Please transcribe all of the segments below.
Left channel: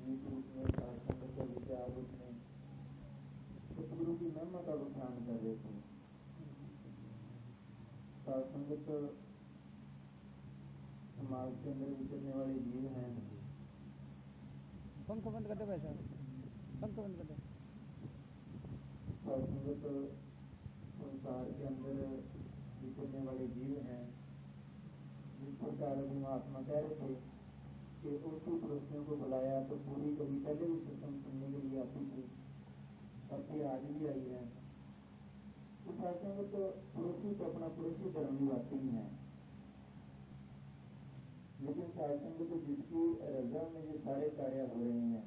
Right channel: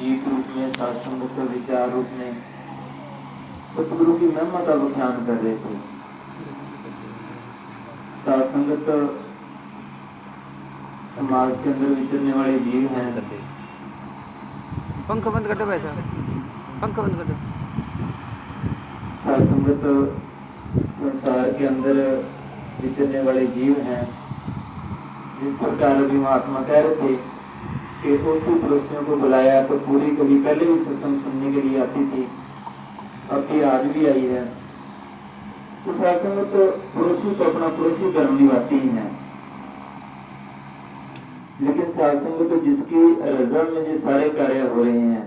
गीत रूप में, सत्संग के विचार रूप में सतगुरु की महिमा का बखान कर रहे थे। सत्संगत समाज के अंदर विचरने वाले जीव हैं। पंख बंद कर दो भाई साहब, पंख बंद कर दो। सत्संगत संसार के अंदर विचरने वाले जीव हैं। जिस प्रकार अभी महात्मा कह रहे थे कि उसी पड़ोसियों को बुलाया तो पूरी कभी पहले भी सत्संग सुनने के लिए आती थी, अब भी आज भी आई है। तो सत्संगत पड़ोसी तो अपना पड़ोसी धर्म निभाती ही है, लेकिन सत्संगत जिसकी रजा में जो सारे कार्य हो रहे हैं,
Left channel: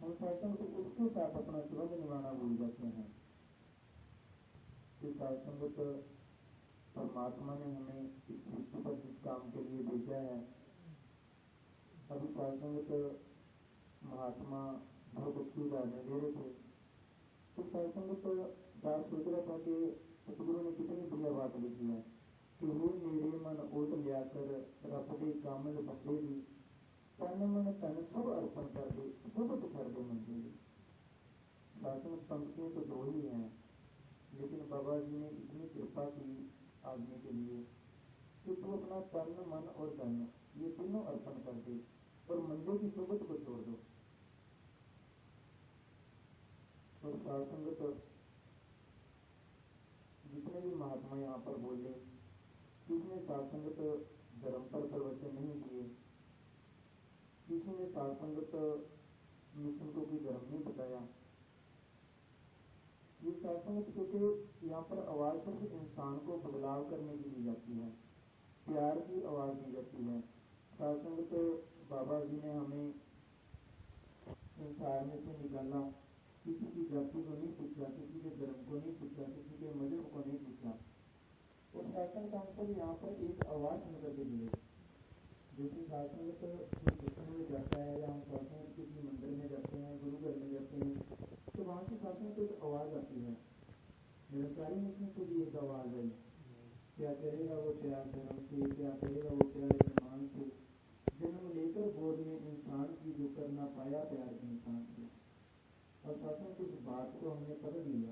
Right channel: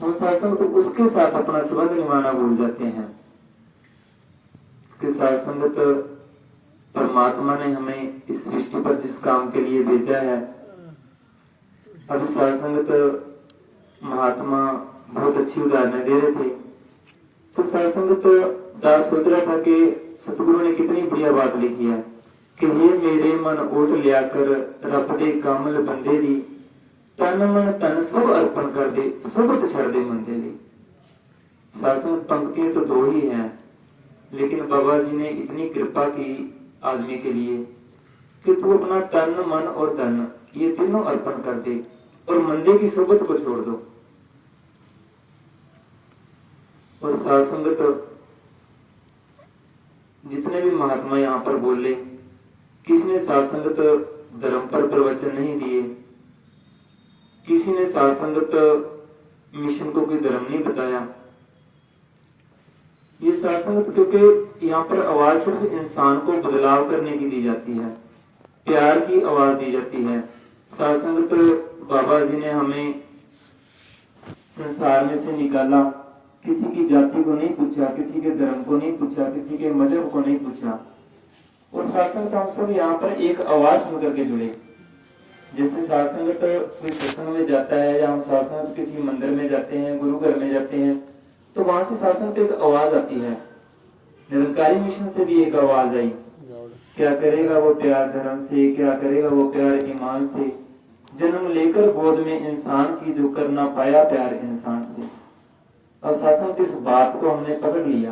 हम सत्संग तो उसके साथ अपना संबंध निभाना भूल जाते हैं। कि सत्संगत परमात्मा ने हमें इस सृष्टि पर जिस काम के लिए भेजा है, अभी सत्संगत महात्मा बहुत अच्छी उदाहरण दे रहे थे। तो सत्संगत दास सोच रहा था कि सतगुरु ने कितनी बढ़िया बात लिखी है कि हे मेरे मन ओट लिया कर रब दे कामल बंदे दी, तन मन तन सब अर्पण कर दे, सोबत छड़ दे मंदे ली। सत्संग पंक्तियां तो दो ही हैं, लेकिन बाबा जी ने इतनी कृपा की आदमी के लिए कि तू अपना तन मन और धन ये तीनों अर्पण कर दे और मंदे की सोबत को छोड़ दो। और सत्संगत जितने भी महात्मा यहाँ पर बोले, किसी ने सत्संगत धर्म पर प्रवचन नहीं दिए, किसी ने सत्संगत मिशन को कोई धर्म नहीं बताया। ये सत्संगत क्योंकि यहाँ पर आवाज सिर्फ इंसान को बदलाव करने की दी जाती है, प्यार की आवाज दी जाती है। सत्संगत बाबा जी ने हमें संसार में से निकाला, किसी की जाति को नहीं पूछा, किसी के धर्म को नहीं पूछा, किसी के मजहब को नहीं पूछा। और सत्संग हम सब यहाँ पर एक आवाज सुन करके जुड़े। जैसे सत्संग कोई सत्संग में जाता है या हम सत्संग किसी मंदिर में जाते हैं, गुरु घर में जाते हैं, तो वहां से सत्संग एक आवाज आती है। निरंकारी मिशन से भी एक आवाज आई, क्या करेगा वो प्यार धर्म से, क्या करेगा वो प्यार ईमान से, जन्म लेकर गोद में इंसान की जो करना पाया प्यार इंसान से। और सत्संग इस बात को हमने पकड़ लिया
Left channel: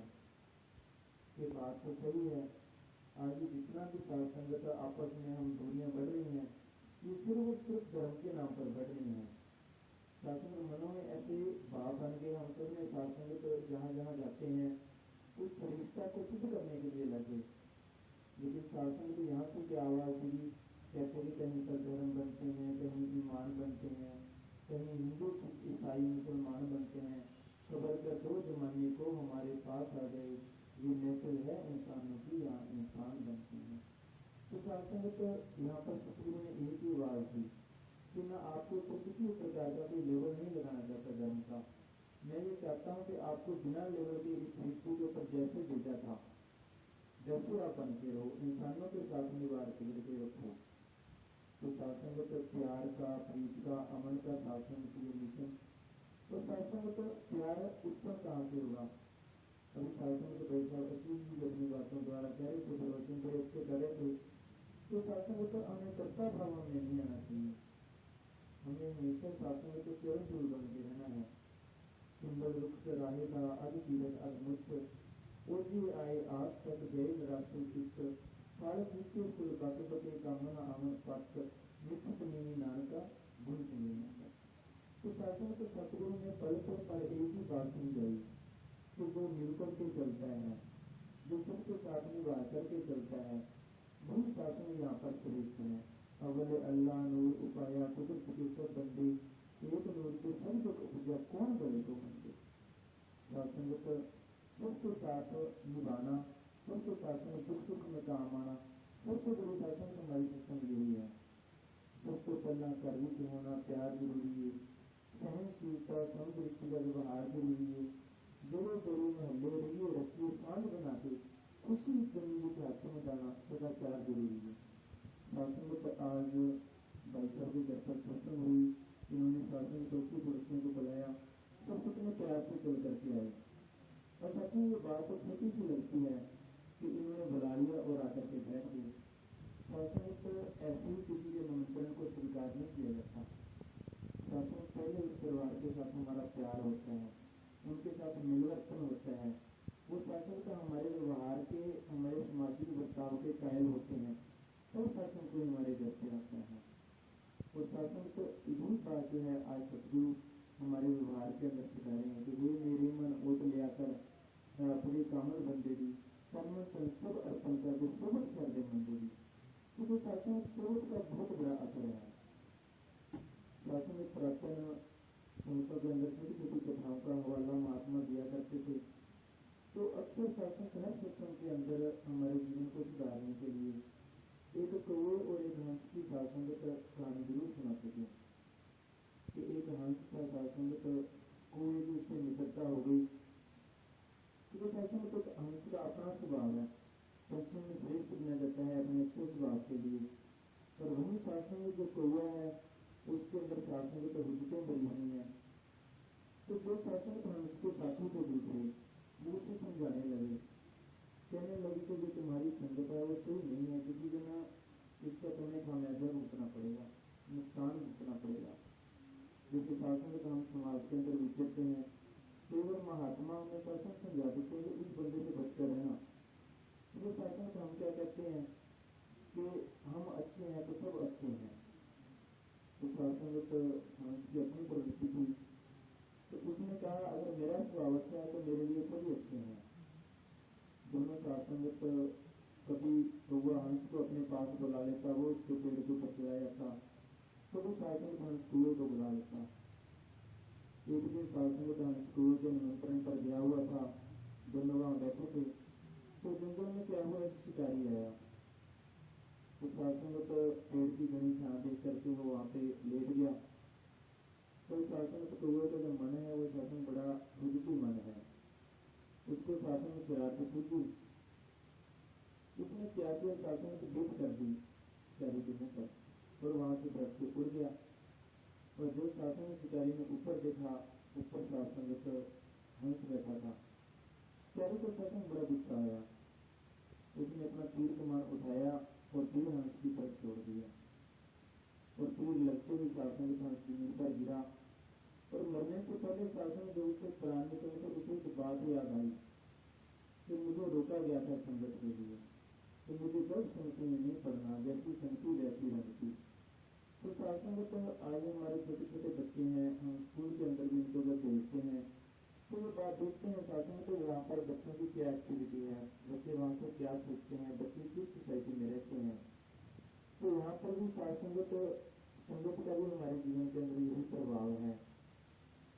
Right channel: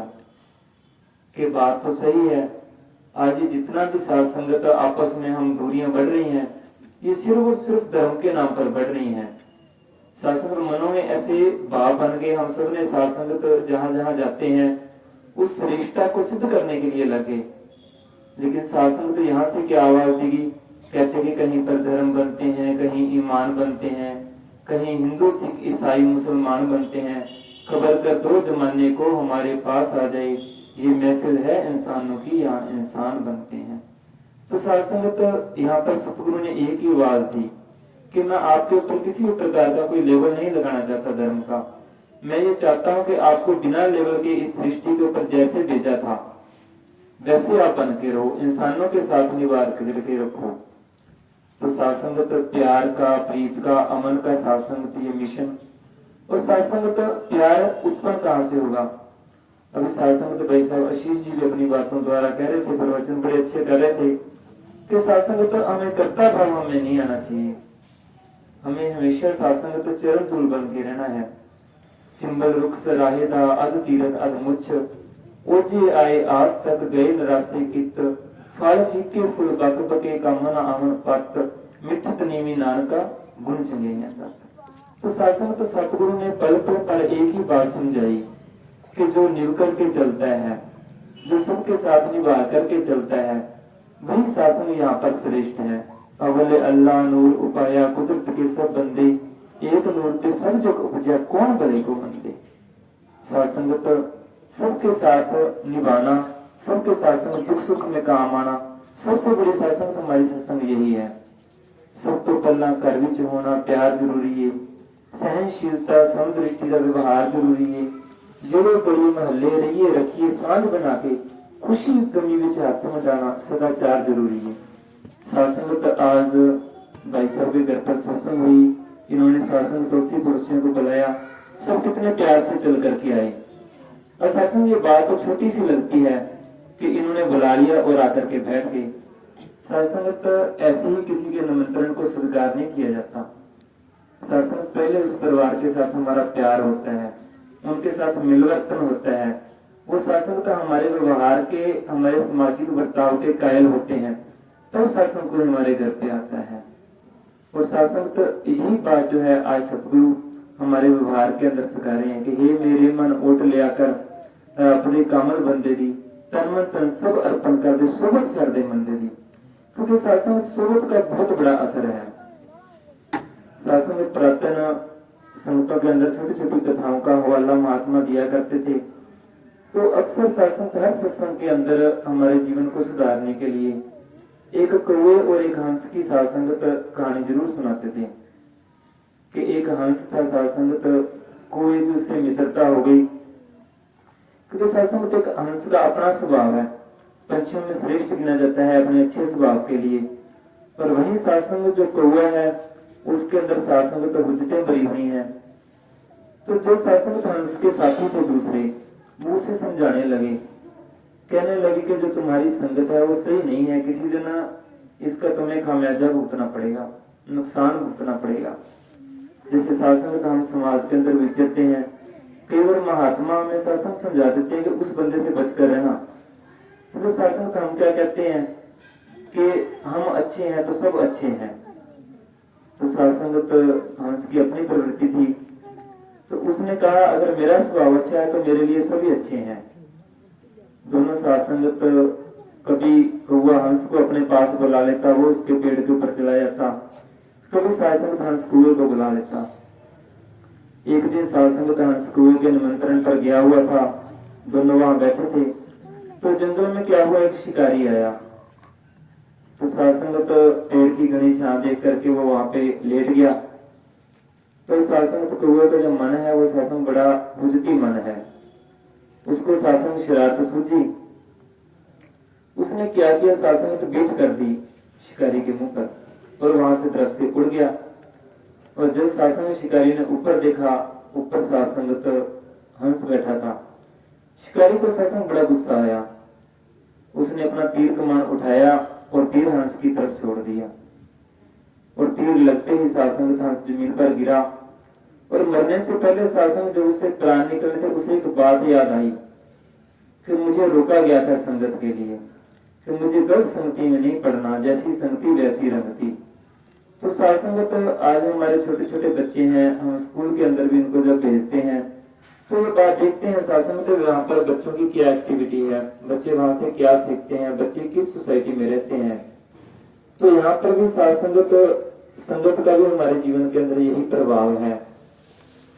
कि बात तो सही है। आज ये जितना भी सत्संगत आपस में हम दूरियां बढ़ रही हैं, ये सिर्फ और सिर्फ धर्म के नाम पर बढ़ रही हैं। सत्संग मनों में ऐसे भाव बन गए, हम सब ने सत्संगत जहां जहां जाते हैं उस रिश्ता को सिद्ध करने के लिए लगे। लेकिन सत्संग तो यहाँ से क्या आवाज देगी, कहते कि कहीं पर धर्म बनते हैं, कहीं ईमान बनते हैं, कहीं हिंदू सिख ईसाई मुसलमान बनते हैं, खबर कर दो जमाने को हमारे पास आ जाए, ये महफिल है इंसानों की, यहाँ इंसान बनते हैं। तो सत्संगत यहाँ पर सतगुरु ने एक ही आवाज दी कि मैं आपके ऊपर किसी भी प्रकार का कोई लेवल नहीं लगाना चाहता धर्म का। मैं ये चाहता हूँ कि आपको बिना लेवल के इस सृष्टि के ऊपर जैसे भेजा था वैसे आप बन के रहो, इंसानों के साथ निवार करके रखो। तो सत्संगत प्यार का, प्रीत का, अमन का सत्संगत ये मिशन। और सत्संगत प्यार उत्पन्न कहाँ से होगा? अभी सत्संगत भाई साहब आशीष जी भी अपनी बातों द्वारा कह रहे थे, प्रवचन बड़े अच्छे कर रहे थे कि सत्संगत हमें कर्ता भाव हमें नहीं आना चाहिए, हमें हमेशा सत्संगत चरण धूल बन के रहना है। सिंबल रुख सराहेदा अध तीरथ अध मुच्छ, ओजे आए आज तक गए नरासे कित, फल फीके फुल बक बके का मन आमन पत, मिठत नीवी नानका गुण चंगे न। तो सत्संग सतगुरु ने पल पर एक ही बात समझाई कि जो निभ करके चलता है, जो सबके साथ निभा करके चलता है, वही सत्संग यहाँ पर श्रेष्ठ है। अवले अल्लाह नूर उपाया कुदरत के सब बंदे, एक नूर ते सब जग उपजा कौन भले को मंदे। सत्संगत सबके साथ निभाना, सबके साथ दुख सुख में काम आना, सबसे बड़ी सत्संग हमारी सत्संग यही है। सब तो पहला घर विच होना प्यार जरूरी है, सहनशीलता समदृष्टि का व्यवहार जरूरी है। जोड़े बड़ी महल्ले रहिए रखिए सांझ बना के, खुशी गमी विच हाथ मिलाना सदाचार जरूरी है। सत्संगत आज भाई साहब के घर पर सत्संग हुई, इन्होंने सत्संग पड़ोसी पड़ोसियों को बुलाया, सब कितने प्यार से चल करके आए। और सत्संग ये बात तो छोटी सी लगती है कि इन्होंने बुला लिया और आकर के बैठ गए। सत्संगत ऐसे ही किसी के निमंत्रण को स्वीकार नहीं किया जाता। सत्संग पहले उस परिवार के साथ हमारा प्यार होता है, उनके साथ मिलवर्तन होता है, वो सत्संग तो हमारे व्यवहार के, हमारे सामाजिक बर्ताव के कायल होते हैं, तब सत्संग को हमारे घर पे आता है। और सत्संग तो यही बात जो है आज सतगुरु हमारे व्यवहार के अंदर सिखा रहे हैं कि हे मेरे मन ओट ले आकर अपने कामल बंदे दी तन मन तन सब अर्पण कर दे सोबत छड़ दे मंदे दी। क्योंकि सत्संग सोबत का बहुत बड़ा असर है। सत्संग प्रार्थना संगतों के अंदर छोटी छोटी कथाओं का हवाला महात्मा दिया करते थे। तो अक्सर सत्संग, हर सत्संग के अंदर हमारे जीवन को सुधारने के लिए एक कौवे और एक हंस की सात्संगत कहानी जरूर सुनाते थे कि एक हंस था सात्संगत, कौवे की उससे मित्रता हो गई। क्योंकि सत्संग एक हंस का अपना स्वभाव है, पंछियों में श्रेष्ठ गिना जाता है अपने अच्छे स्वभाव के लिए। पर वही सत्संग जो कौवा है उसके अंदर सत्संग तो हुज्जतें भरी हुई हैं। तो जो सत्संग हंस के साथी थे दूसरे, वो उसे समझाने लगे, कहने लगे कि जो तुम्हारी संगत है वो सही नहीं है, किसी दिन इसका तुम्हें खामियाजा भुगतना पड़ेगा, नुकसान भुगतना पड़ेगा। जैसे सत्संग हम समाज के अंदर विचरते हैं, कई बार महात्मा हमें सत्संग समझा देते हैं कि उस बंदे से बचकर रहना। चलो सत्संग हम क्या कहते हैं कि हम अच्छे हैं तो सब अच्छे हैं। तो सत्संगत हंस की अपनी प्रवृत्ति थी, तो उसने कहा अगर मेरा स्वभाव अच्छा है तो मेरे लिए सभी अच्छे हैं। दोनों सत्संगत, कभी कौवा हंस को अपने पास बुला लेता, वो उसके पेड़ के ऊपर चला जाता, कभी सत्संगत हंस कौवे को बुला लेता। एक दिन सत्संगत हंस कौवे के निमंत्रण पर गया हुआ था, दोनों वहां बैठे थे। तो जंगल में क्या हुआ, एक शिकारी आया। तो सत्संगत पेड़ की घनी छां देख करके वो वहां पे लेट गया। तो सत्संगत कौवे का जो मन है वो सत्संग बड़ा हुज्जती मन है, उसको सत्संग शरारत सूझी। उसने क्या किया, सत्संगत बीट कर दी शिकारी के मुंह पर और वहां से दरख्त से उड़ गया। और जब सत्संग शिकारी ने ऊपर देखा, ऊपर सत्संगत हंस बैठा था। शिकारी को सत्संग बड़ा गुस्सा आया, उसने अपना तीर कमान उठाया और तीर हंस की तरफ छोड़ दिया। और तीर लगते ही सत्संगत हंस जमीन पर गिरा। और मरने से पहले सत्संग जब उससे प्राण निकले थे, उसे एक बात याद आई कि मुझे रोका गया था संगत के लिए, कि मुझे गलत संगति में नहीं पड़ना, जैसी संगति वैसी रंगती। तो सत्संगत आज हमारे छोटे छोटे बच्चे हैं, हम स्कूल के अंदर भी इनको जब भेजते हैं तो ये बात देखते हैं सत्संग तो वहाँ पर बच्चों की क्या एक्टिविटी है, बच्चे वहां से क्या सीखते हैं, बच्चे किस सोसाइटी में रहते हैं। तो यहाँ पर भी संगत का भी हमारे जीवन के अंदर यही प्रभाव है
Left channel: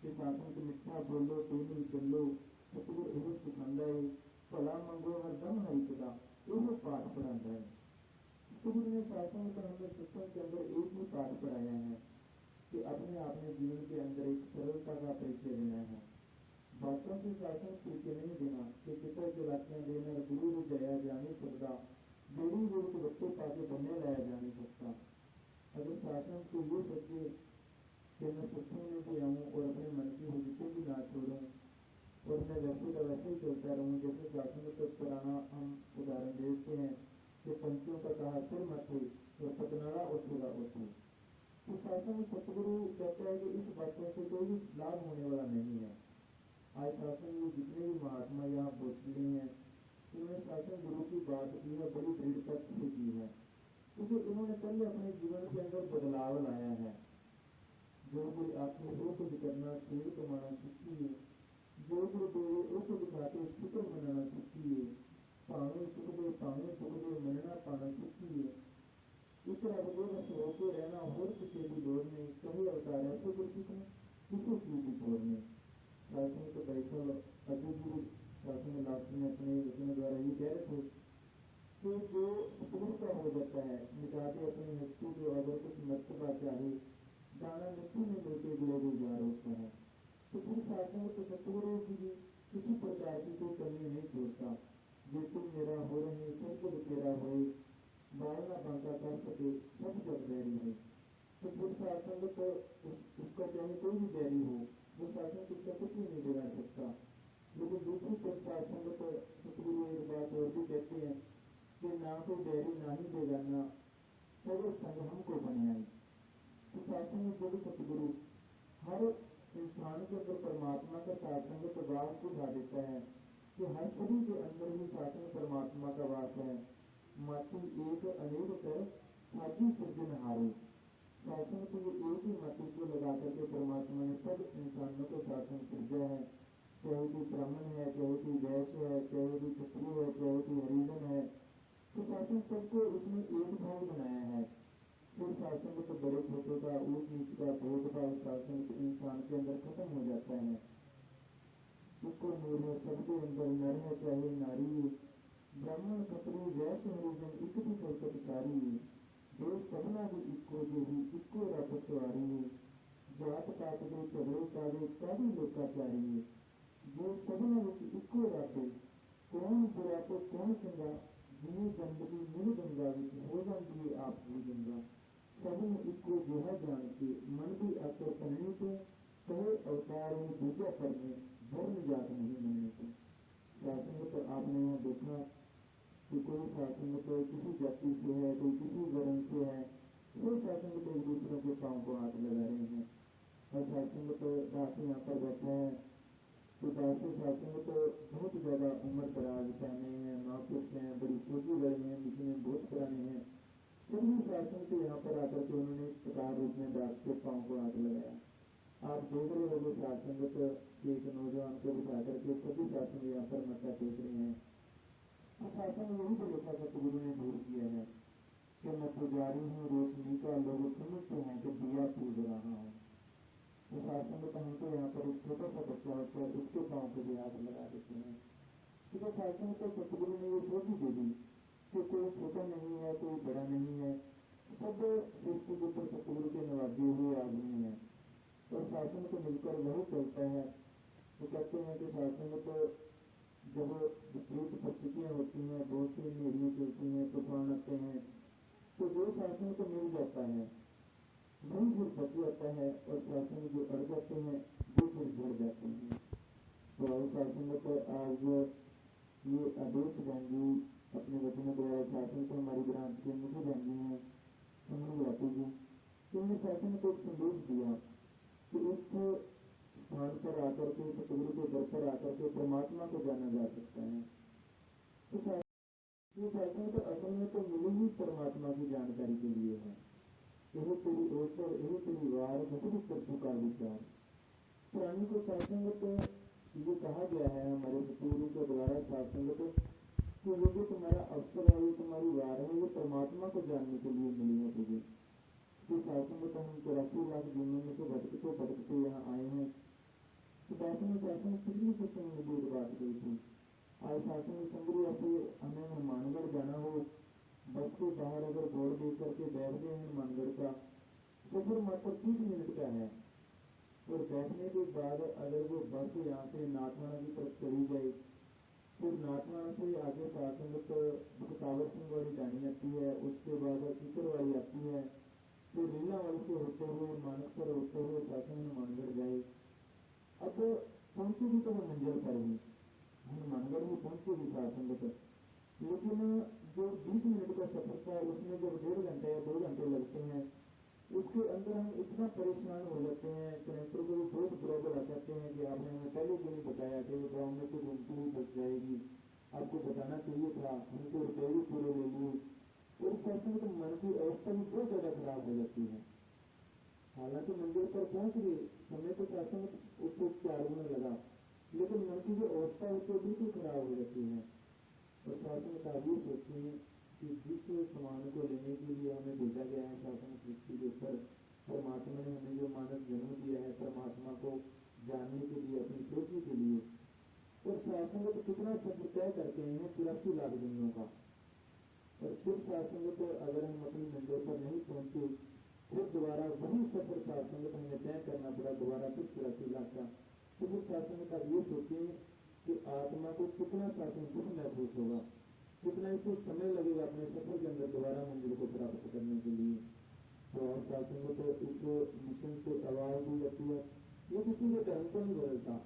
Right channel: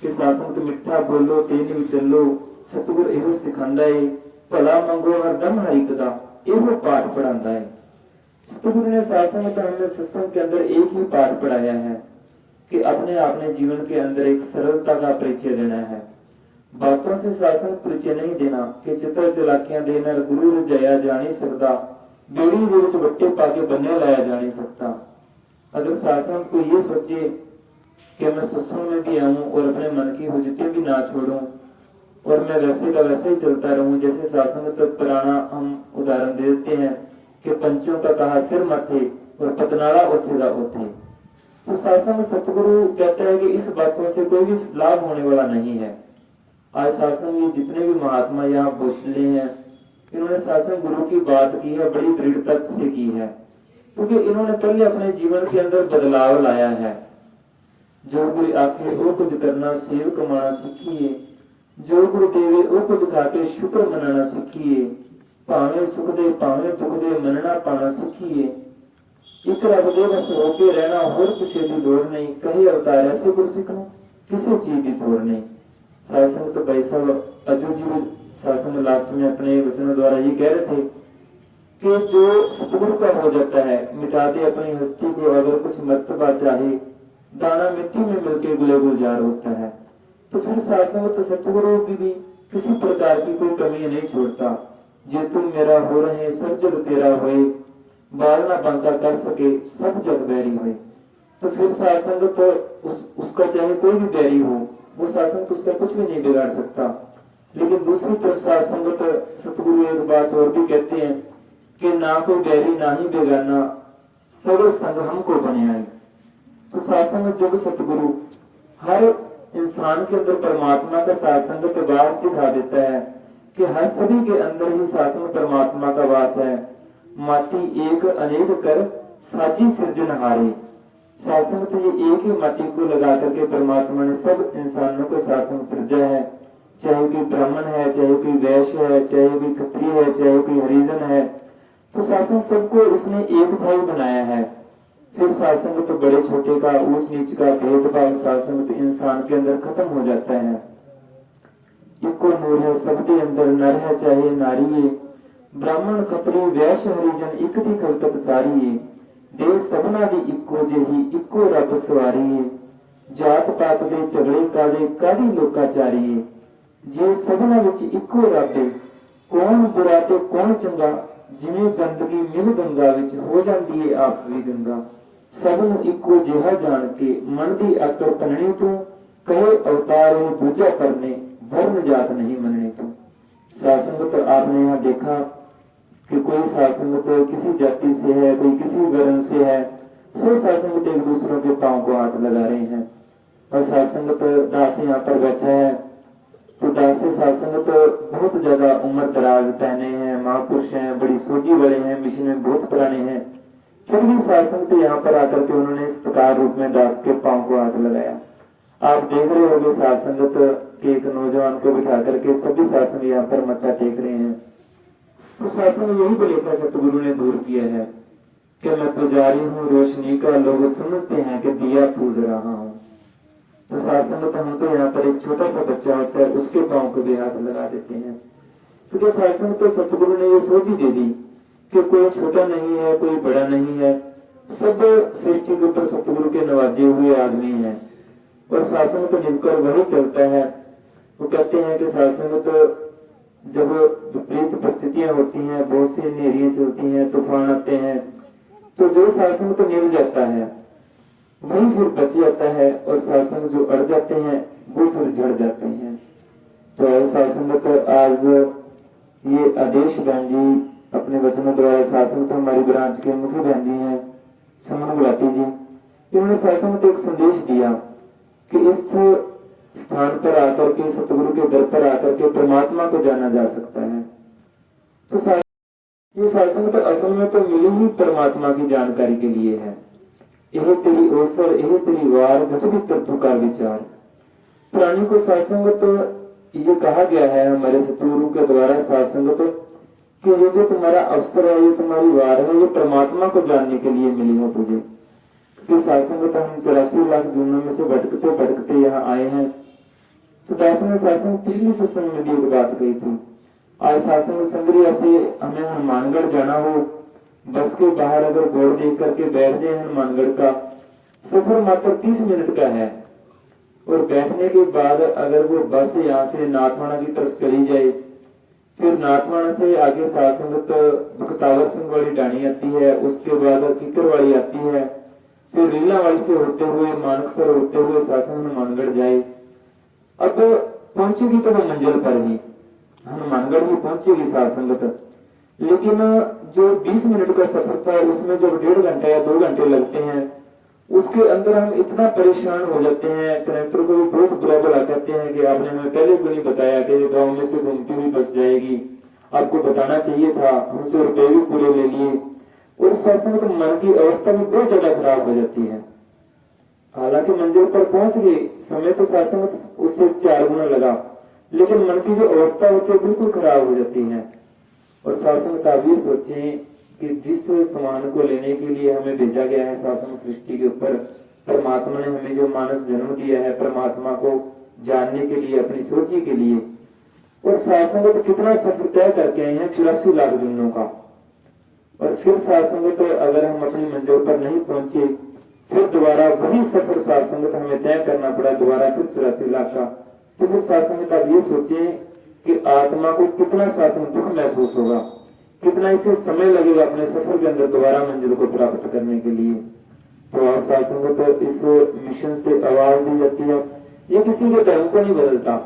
कि सत्संग मिठा बोलो तेन विचलो, सतगुर एहो सिखांदा है, भला मंगो हरदम हरि कदा, एहो पाठ पढ़ांदा है। सतगुरु ने सत्संग हमें सत्संग के अंदर एक ही पाठ पढ़ाया है कि अपने जीवन के अंदर एक सरलता का परिचय देना है। बातों से सत्संग परिचय नहीं देना कि चित्र चलाकियां देना गुरु रजाया जा नहीं सकता, बेड़ी रोज बट्टे पाके बनने लाया जा नहीं सकता। अगर सत्संग को ये सोचे कि मैं सत्संग में भी आऊं और अपने मन की हुज्जतें भी ना छोड़ूं और मैं वैसे का वैसे ही चलता रहूं, जैसे सत्संग तो पुराना हम उदाहरण दे देते हैं कि पंचों का कहा सिर मथे और पतनाला ओथे दा ओथे। तो सत्संग सतगुरु कहता है कि इस बातों से कोई भी लाभ होने वाला नहीं है। आज सत्संग में जितने भी महात्मा यहाँ बोले हैं, इन्होंने सत्संग गुरु की बात की है, बड़ी दृढ़ता से की है, क्योंकि इन्होंने पहले अपने जीवन के अंदर बदलाव लाया है। जो कोई आखे वो कुछ करना सेव कमाना सीखिए, जो गुरु देवे वो कुछ खाके शुक्र मनाना सीखिए, भावे सुख दे भावे दुख दे मनना पाना सीखिए। एक रब दे बस होके रहना, होर किसी की लोड़ नहीं, कहीं अवतार ऐसे गुरु सीखना किसी चीज की तोड़ नहीं। सत्संग तो भाई साहब अजू जी सत्संग लास्ट में अपने वचनों द्वारा ये कह रहे थे कि जो सतगुरु का हो जाता है, मिटा दे अपनी हस्ती को, अगर कुछ मर्तबा चाहे, दाना मिट्टी में मिलके गुले गुलजार होता है। तो फिर सत्संग तो सतगुरु भी किसी प्रकार की कोई कमी नहीं छोड़ता। जे तुम मेरा हो रहे सब जग तेरा होए, बाल ना बांका कर सके सब जग बैरी होए। तो फिर सत्संग तो उसका चाहे कोई भी बैरी हो, वो सत्संग तो उसका कुछ भी नहीं बिगाड़ सकता। लेकिन दूसरी तरफ सत्संग तो सतगुरु एक बात और भी कहते हैं कि ना कोई बैरी ना ही बेगाना, सगल संग हमको बने आई। तो सत्संग जब सतगुरु हर इंसान के अंदर परमात्मा का शासन का वास दिखा देता है कि हर सभी के अंदर ही शासन परमात्मा का वास है। माटी एक अनेक कर साची सृजनहारे। शासन तो ये एक ही माटी को लगा करके परमात्मा ने सब इंसानों को शासन सृजा है। चाहे कोई ब्राह्मण है, चाहे कोई वैश्य है, चाहे कोई क्षत्रिय है, चाहे कोई हरिजन है, तो शासन सबको इसने एक था ही बनाया है। फिर शासन तो बड़े छोटे का, ऊंच नीच का भेदभाव शासन तो इंसान के अंदर खत्म हो जाता है। इको नूर है सबके अंदर, नर है चाहे नारी है, ब्राह्मण क्षत्रिय वैश्य हरिजन एक दी खलकत सारी है। देश सबना दी इको जेही, इको रब सवारी है। जात पात दे झगड़े कादे कादी लोकाचारी है। जे सबना विच इको रब है, कौन बुरा ते कौन चंगा। जिवें गंदगी मिल गंगा विच हो जाती है आप भी गंगा। सबनू इको जिहा जान के मन दी आकर पननी तू। कहे अवतार है पूजा करने, वर्ण जात नहीं मननी तू। सासंगत आपने यहाँ देखा कि कोई सासंगत किसी जाति से है, कोई किसी वर्ण से है, सब सासंगत एक दूसरों के पांव को हाथ लगा रहे हैं। और सासंगत दास यहाँ पर बैठा है, तो दास सासंगत बहुत ज्यादा उम्र दराज पहने हैं, महापुरुष हैं, बड़ी सोची वाले हैं, मिशन में बहुत पुराने हैं। फिर भी सासंगत यहाँ पर आकर के उन्होंने सत्कार रूप में दास के पांव को हाथ लगाया। आप देख रहे होंगे सासंगत के एक नौजवान को बिठा करके सभी शासन यहाँ पर मत्था टेक रहे हैं। तो शासन यही बलेखा सतगुरु ने दूर किया है कि मैं पुजारी हूँ रोशनी का, लोग समझते हैं कि दिया पूज रहा हूँ। तो शासन हम तो यहाँ पर एक छोटा सा बच्चा होता है, उसके पांव को भी हाथ लगा देते हैं। क्योंकि शासन तो सतगुरु ने ये सोच ही दे दी कि कोई छोटा नहीं है, कोई बड़ा नहीं है, सब सृष्टि के ऊपर सतगुरु के नवाजे हुए आदमी हैं और शासन को निभकर वही चलता है। वो कहते हैं कि शासन तो जब विपरीत परिस्थितियां होती हैं, बहुत सी नेरियां चलती हैं, तूफान आते हैं, तो जो शासन को निभ जाता है वही फिर बच जाता है और शासन जो अड़ जाते हैं वो फिर झड़ जाते हैं। तो शासन तो आज ये आदेश बहन जी अपने वचनों द्वारा, शासन तो हमारी ब्रांच के मुख्य बहन जी हैं सुमन गुलाटी जी, इन्होंने शासन को एक संदेश दिया कि इस स्थान पर आकर के, सतगुरु के दर पर आकर के परमात्मा को जाना जा सकता है। तो ये शासन तो असल में तो मिली ही परमात्मा की जानकारी के लिए है। यह तेरी अवसर, यह तेरी वार, घटवी तत्व का विचार। प्राणी को शासन तो ये कहा गया है हमारे सतगुरु के द्वारा शासन तो कि ये जो तुम्हारा अवसर है, ये तुम्हारी वार है, ये परमात्मा को जानने के लिए मिली है तुझे। कि शासन तो हम 84 लाख जूनों में से भटकते भटकते यहाँ आए हैं। तो दास ने शासन पिछली सत्संग में भी एक बात कही थी। आज शासन संग्रिया से हमें हनुमानगढ़ जाना हो, बस के बाहर अगर बोर्ड देख करके बैठ जाए हनुमानगढ़ का, सफर मात्र 30 मिनट का है। और बैठने के बाद अगर वो बस यहाँ से नाथवाना की तरफ चली जाए, फिर नाथवाना से आगे शासन बख्तावर सिंह वाली डाणी आती है, उसके बाद किकर वाली आती है, फिर रीला वाली से होते हुए मानकसर होते हुए शासन हनुमानगढ़ जाए। अब पहुंचेगी तो वो मंजिल पर ही, हनुमानगढ़ ही पहुंचेगी शासन। लेकिन जो 20 मिनट का सफर था उसमें जब 1.5 घंटा या 2 घंटे लगते हैं, उसके अंदर हम इतना परेशान हो जाते हैं। कनेक्टर को भी बहुत बुरा भला कहते हैं कि आपने हमें पहले क्यों नहीं बताया कि गांव में से घूमती हुई बस जाएगी, आपको बताना चाहिए था, हमसे रुपए भी पूरे ले लिए। और शासन तो मन की अवस्था भी बहुत ज्यादा खराब हो जाती है। हालांकि मंजिल पर पहुंच गए, समय तो शासन उससे 4 गुना लगा, लेकिन मन की जो अवस्था होती है बिल्कुल खराब हो जाती है। और शासन का भी सोचें कि जिस समान को लेने के लिए हमें भेजा गया है शासन सृष्टि के ऊपर, परमात्मा ने हमें जो मानस जन्म दिया है परमात्मा को जानने के लिए, अपनी सोची के लिए, और शासन को तो कितना सफर तय करके आए हैं 84 लाख जन्मों का। और फिर शासन तो अगर हम अपनी मंजिल पर नहीं पहुंचे, फिर दोबारा वही सफर शासन को हमें तय करना पड़ा, दोबारा फिर 84 लाख का। तो फिर शासन का ये सोचे कि आत्मा को कितना शासन दुख महसूस होगा, कितना इसे समय लगेगा अपने सफर के अंदर दोबारा मंजिल को प्राप्त करने के लिए। तो शासन को तो इस मिशन से आवाज दी जाती है। ये किसी के धर्म को नहीं बदलता,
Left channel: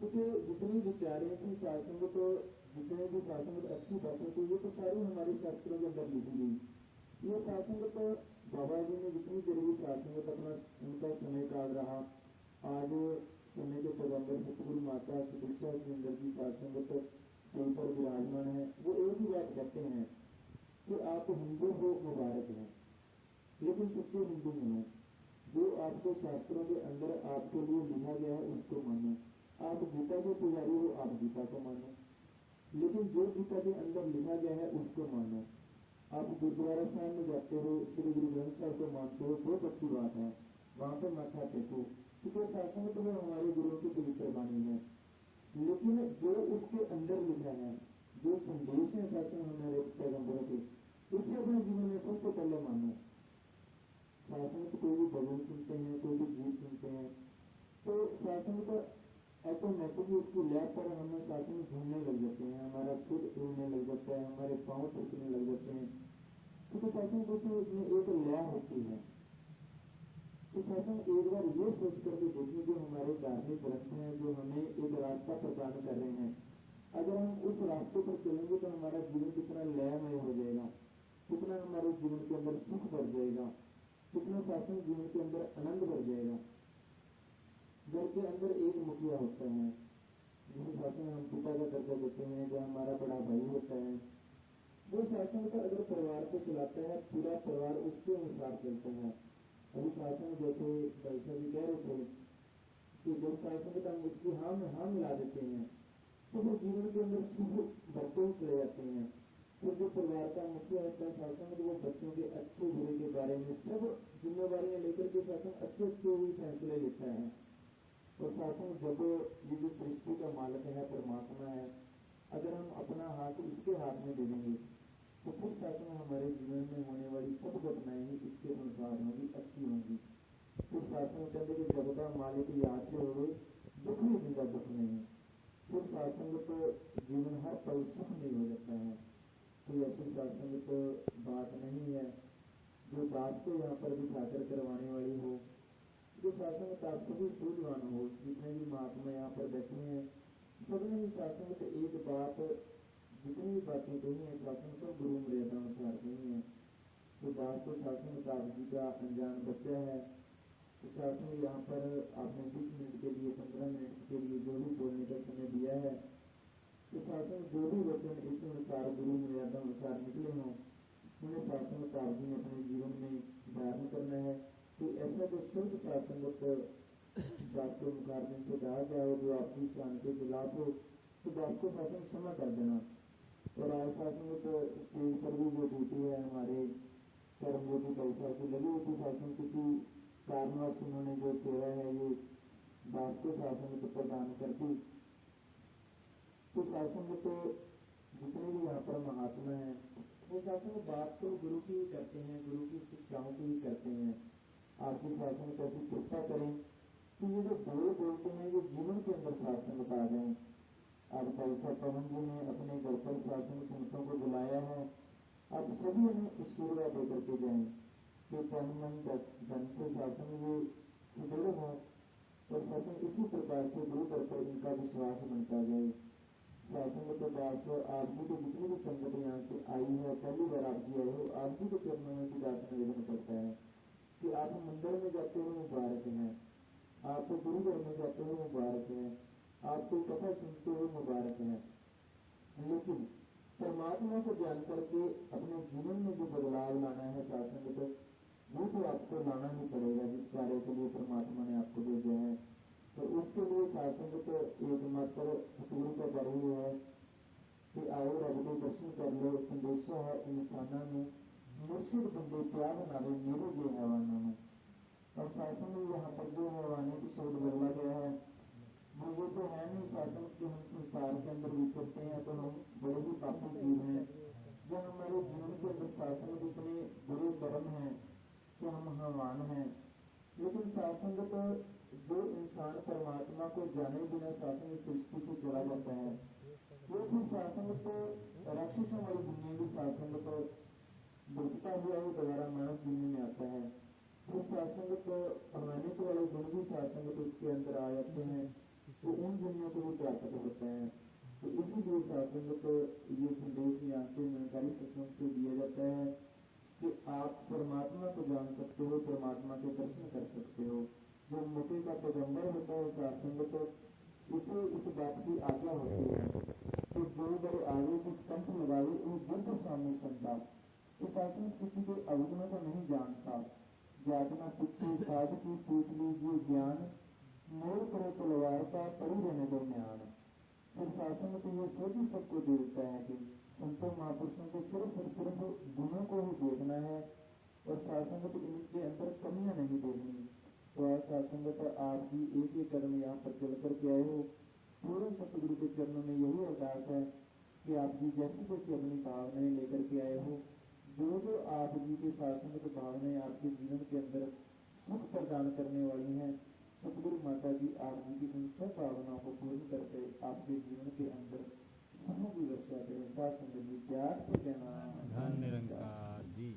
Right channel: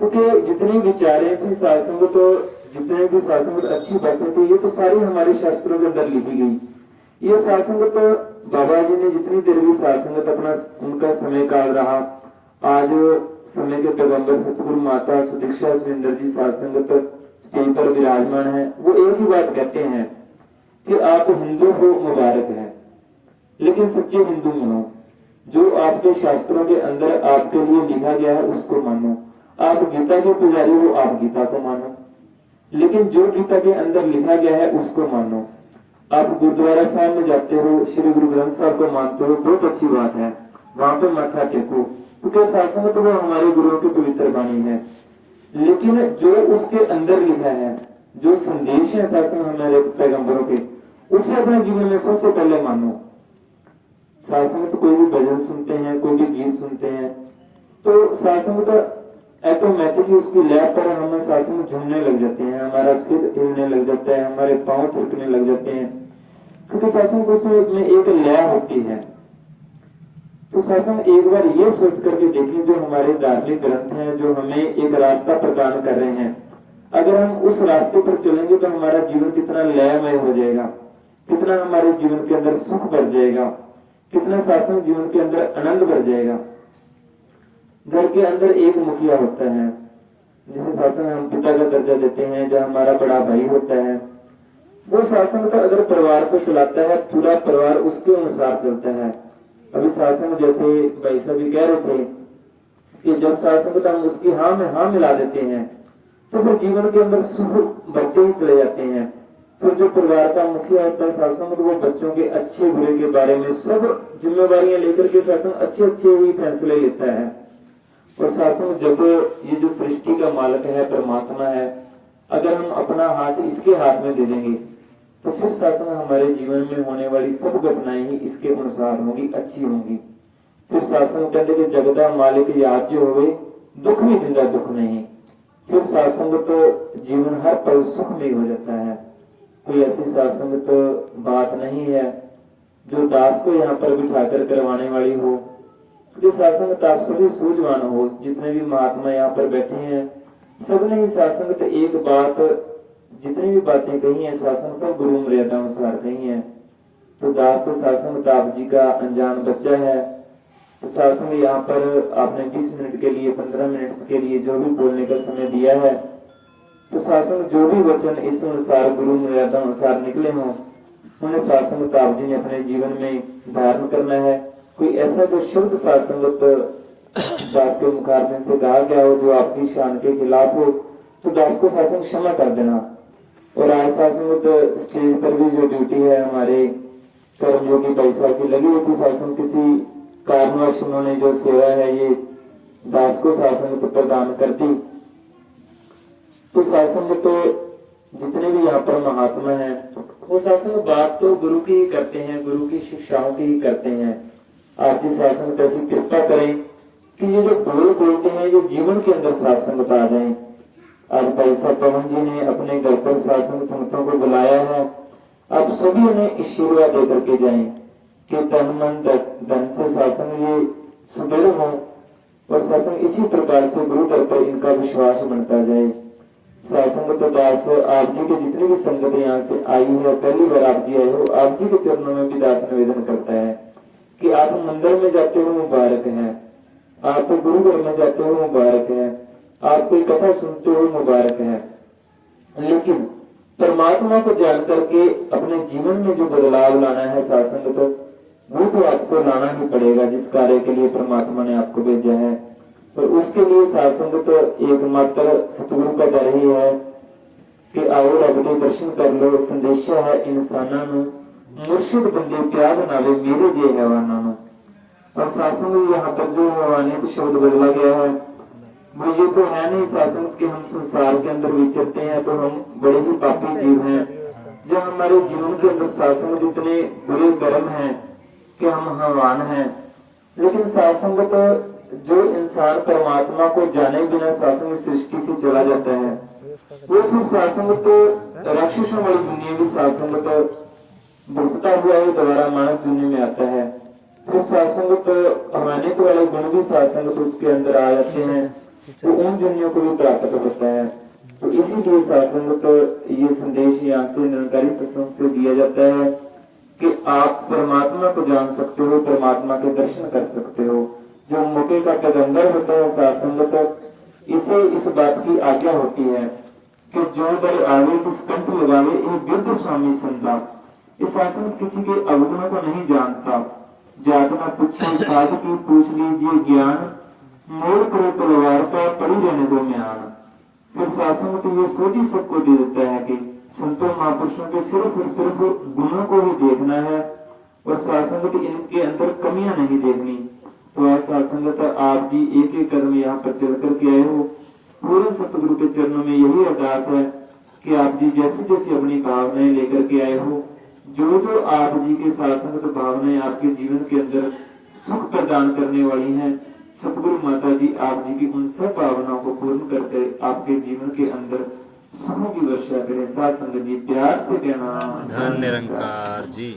क्योंकि जितनी विचारें थी शासन को, तो जितने भी शासन को अच्छी बातें थी, ये तो सारी हमारे शास्त्रों के अंदर लिखी गई। ये शासन को तो बाबा जी ने जितनी देर भी शासन अपना उनका समय काल रहा, आज समय के पैगंबर सतगुरु माता सुदीक्षा सुरेंद्र जी साध संगत स्टेज पर विराजमान है, वो एक ही बात कहते हैं कि आप हिंदू हो मुबारक है, लेकिन सच्चे हिंदू बनो। जो आपके शास्त्रों के अंदर आपके लिए लिखा गया है उसको मानो। आप गीता के पुजारी हो, आप गीता को मानो, लेकिन जो गीता के अंदर लिखा गया है उसको मानो। आप गुरुद्वारा साहब में जाते हो, श्री गुरु ग्रंथ साहब को मानते हो, बहुत अच्छी बात है, वहां पे मत्था टेको, क्योंकि शास्त्र तो वो हमारे गुरुओं की पवित्र वाणी है। लेकिन जो उसके अंदर लिखा है, जो संदेश है शास्त्र हमारे पैगंबरों के, उसे अपने जीवन में सबसे पहले मानो। शास्त्र में तो कोई भी भजन सुनते हैं, कोई भी गीत सुनते हैं, तो शास्त्र में तो ऑटोमेटिकली उसकी लय पर हम शास्त्र में झूमने लग जाते हैं, हमारा सिर हिलने लग जाता है, हमारे पांव थिरकने लग जाते हैं, क्योंकि शास्त्र में एक लय होती है। तो शासन एक बार ये सोच करके देखें, जो हमारे धार्मिक ग्रंथ हैं, जो हमें एक रास्ता प्रदान कर रहे हैं, अगर हम उस रास्ते पर चलेंगे तो हमारा जीवन कितना लयमय हो जाएगा, कितना हमारे जीवन के अंदर सुख भर जाएगा, कितना शासन जीवन के अंदर आनंद भर जाएगा। घर के अंदर एक मुखिया होता है, जिसे शासन हम पिता का दर्जा देते हैं, जो हमारा बड़ा भाई होता है, वो शासन का अगर परिवार को चलाता है, पूरा परिवार उसके अनुसार चलता है। अभी शासन जैसे भाई साहब भी कह रहे थे कि जब शासन को हम उसकी हाँ में हाँ मिला देते हैं तो फिर जीवन के अंदर सुख बढ़ते ही चले जाते हैं। फिर जो परिवार का मुखिया होता है शासन, तो वो बच्चों के अच्छे बुरे के बारे में सब जिम्मेवारियां लेकर के शासन अच्छे अच्छे ही फैसले लेता है। और शासन जब ये जो सृष्टि का मालिक है, परमात्मा है, अगर हम अपना हाथ इसके हाथ में दे देंगे तो फिर शासन हमारे जीवन में होने वाली सब घटनाएं ही इसके अनुसार होंगी, अच्छी होंगी। फिर शासन कहते कि जगदा मालिक याद जो होवे, दुख भी दिंदा दुख नहीं। फिर शासन तो जीवन हर पल सुख में हो जाता है। कोई ऐसी शासन तो बात नहीं है जो दास को यहाँ पर बिठाकर करवाने वाली हो। जो शासन तो आप सभी सूझवान हो, जितने भी महात्मा यहाँ पर बैठे हैं, सबने ही शासन तो एक बात, जितनी भी बातें कही है शासन सब गुरु मर्यादा अनुसार कही है। तो दास तो शासन आप जी का अनजान बच्चा है, तो शासन यहाँ पर आपने 20 मिनट के लिए, 15 मिनट के लिए जो भी बोलने का समय दिया है, तो शासन जो भी वचन इस अनुसार गुरु मर्यादा अनुसार निकले हों, उन्हें शासन आप जी ने अपने जीवन में धारण करना है। कोई ऐसा जो शब्द शासन दास के मुखारने से कहा गया हो जो आपकी शान के खिलाफ हो, तो दास को शासन क्षमा कर देना। और आज शासन स्टेज पर भी जो ड्यूटी है हमारे कर्मयोगी भाई साहब की लगी हुई थी, शासन किसी कारणवश उन्होंने जो सेवा है ये दास को शासन तो प्रदान कर दी। तो शासन तो जितने भी यहाँ पर महात्मा हैं वो शासन बात तो गुरु की ही करते हैं, गुरु की शिक्षाओं की ही करते हैं। आपकी शासन कैसी कृपा करें कि ये जो बोलते हैं ये जीवन के अंदर शासन बता जाए। आज भाई साहब पवन जी ने अपने घर पर शासन संगतों को बुलाया है, आप सभी उन्हें आशीर्वाद दे करके जाएं कि तन मन धन से शासन ये सुदृढ़ हो और शासन इसी प्रकार से गुरु घर पर इनका विश्वास बनता जाए। शासन तो दास आप जी के जितनी भी संगत यहाँ से आई है, पहली बार आप जी आए हो, आप जी के चरणों में भी दास निवेदन करता है कि आप मंदिर में जाते हो मुबारक है, आप गुरु घर में जाते हो मुबारक है, आप कोई कथा सुनते हो मुबारक है, लेकिन परमात्मा को जान करके अपने जीवन में जो बदलाव लाना है शासन तो वो तो आपको लाना ही पड़ेगा, जिस कार्य के लिए परमात्मा ने आपको भेजा है। तो उसके लिए शासन तो एकमात्र सतगुरु का दर ही है कि आओ रब दे दर्शन कर लो। संदेशा है इंसाना मुर्शिद बंदे प्यार बनावे मेरे जे हैवाना। और शासन यहाँ पर जो हैवानियत शब्द बदला गया है वो ये तो है नहीं शासन कि हम संसार के अंदर विचरते हैं तो हम बड़े ही पापी जीव हैं। जो हमारे जीवन के अंदर शासन इतने बुरे कर्म हैं कि हम हैवान हैं, लेकिन शासन तो जो इंसान परमात्मा को जाने बिना शासन सृष्टि से चला जाता है वो फिर शासन तो राक्षसों वाली दुनिया भी शासन तो भुगतता हुआ ही दोबारा मानस दुनिया में आता है। फिर शासन तो अमानित वाले गुण भी शासन तो उसके अंदर आ जाते हैं, तो उन दुनिया को भी प्राप्त होता है। तो इसीलिए शासन तो ये संदेश यहाँ से निरंकारी सत्संग से दिया जाता है कि आप परमात्मा को जान सकते हो, परमात्मा के दर्शन कर सकते हो। जो मौके छोटे का पैगंबर होता है साध संगत, इसे इस बात की आज्ञा होती है कि जो बल आवे किस कंठ लगावे, यह वृद्ध स्वामी संता। इस शासन किसी के अवगुणों को नहीं जानता। जात न पूछे साध की, पूछ लीजिए ज्ञान, मोर करो तलवार का, पड़ी रहने दो म्यान। फिर शासन को ये सोच ही सबको दे देता है कि संतों महापुरुषों के सिर्फ और सिर्फ गुणों को ही देखना है और शासन इनके अंदर कमियां नहीं देखनी। तो आज शासंगत आप जी एक एक कर्म यहाँ पर चल करके आए हो। पूरे सतगुरु के चरणों में यही अरदास है कि आप जी जैसे जैसे अपनी भावनाएं लेकर के आए हो, जो जो आप जी के शासंगत भावनाएं आपके जीवन के अंदर सुख प्रदान करने वाली हैं, सतगुरु माता जी आप जी की उन सब भावनाओं को पूर्ण करके आपके जीवन के अंदर सुखों की वर्षा करें। साथ संगत जी प्यार से कहना धन निरंकार जी।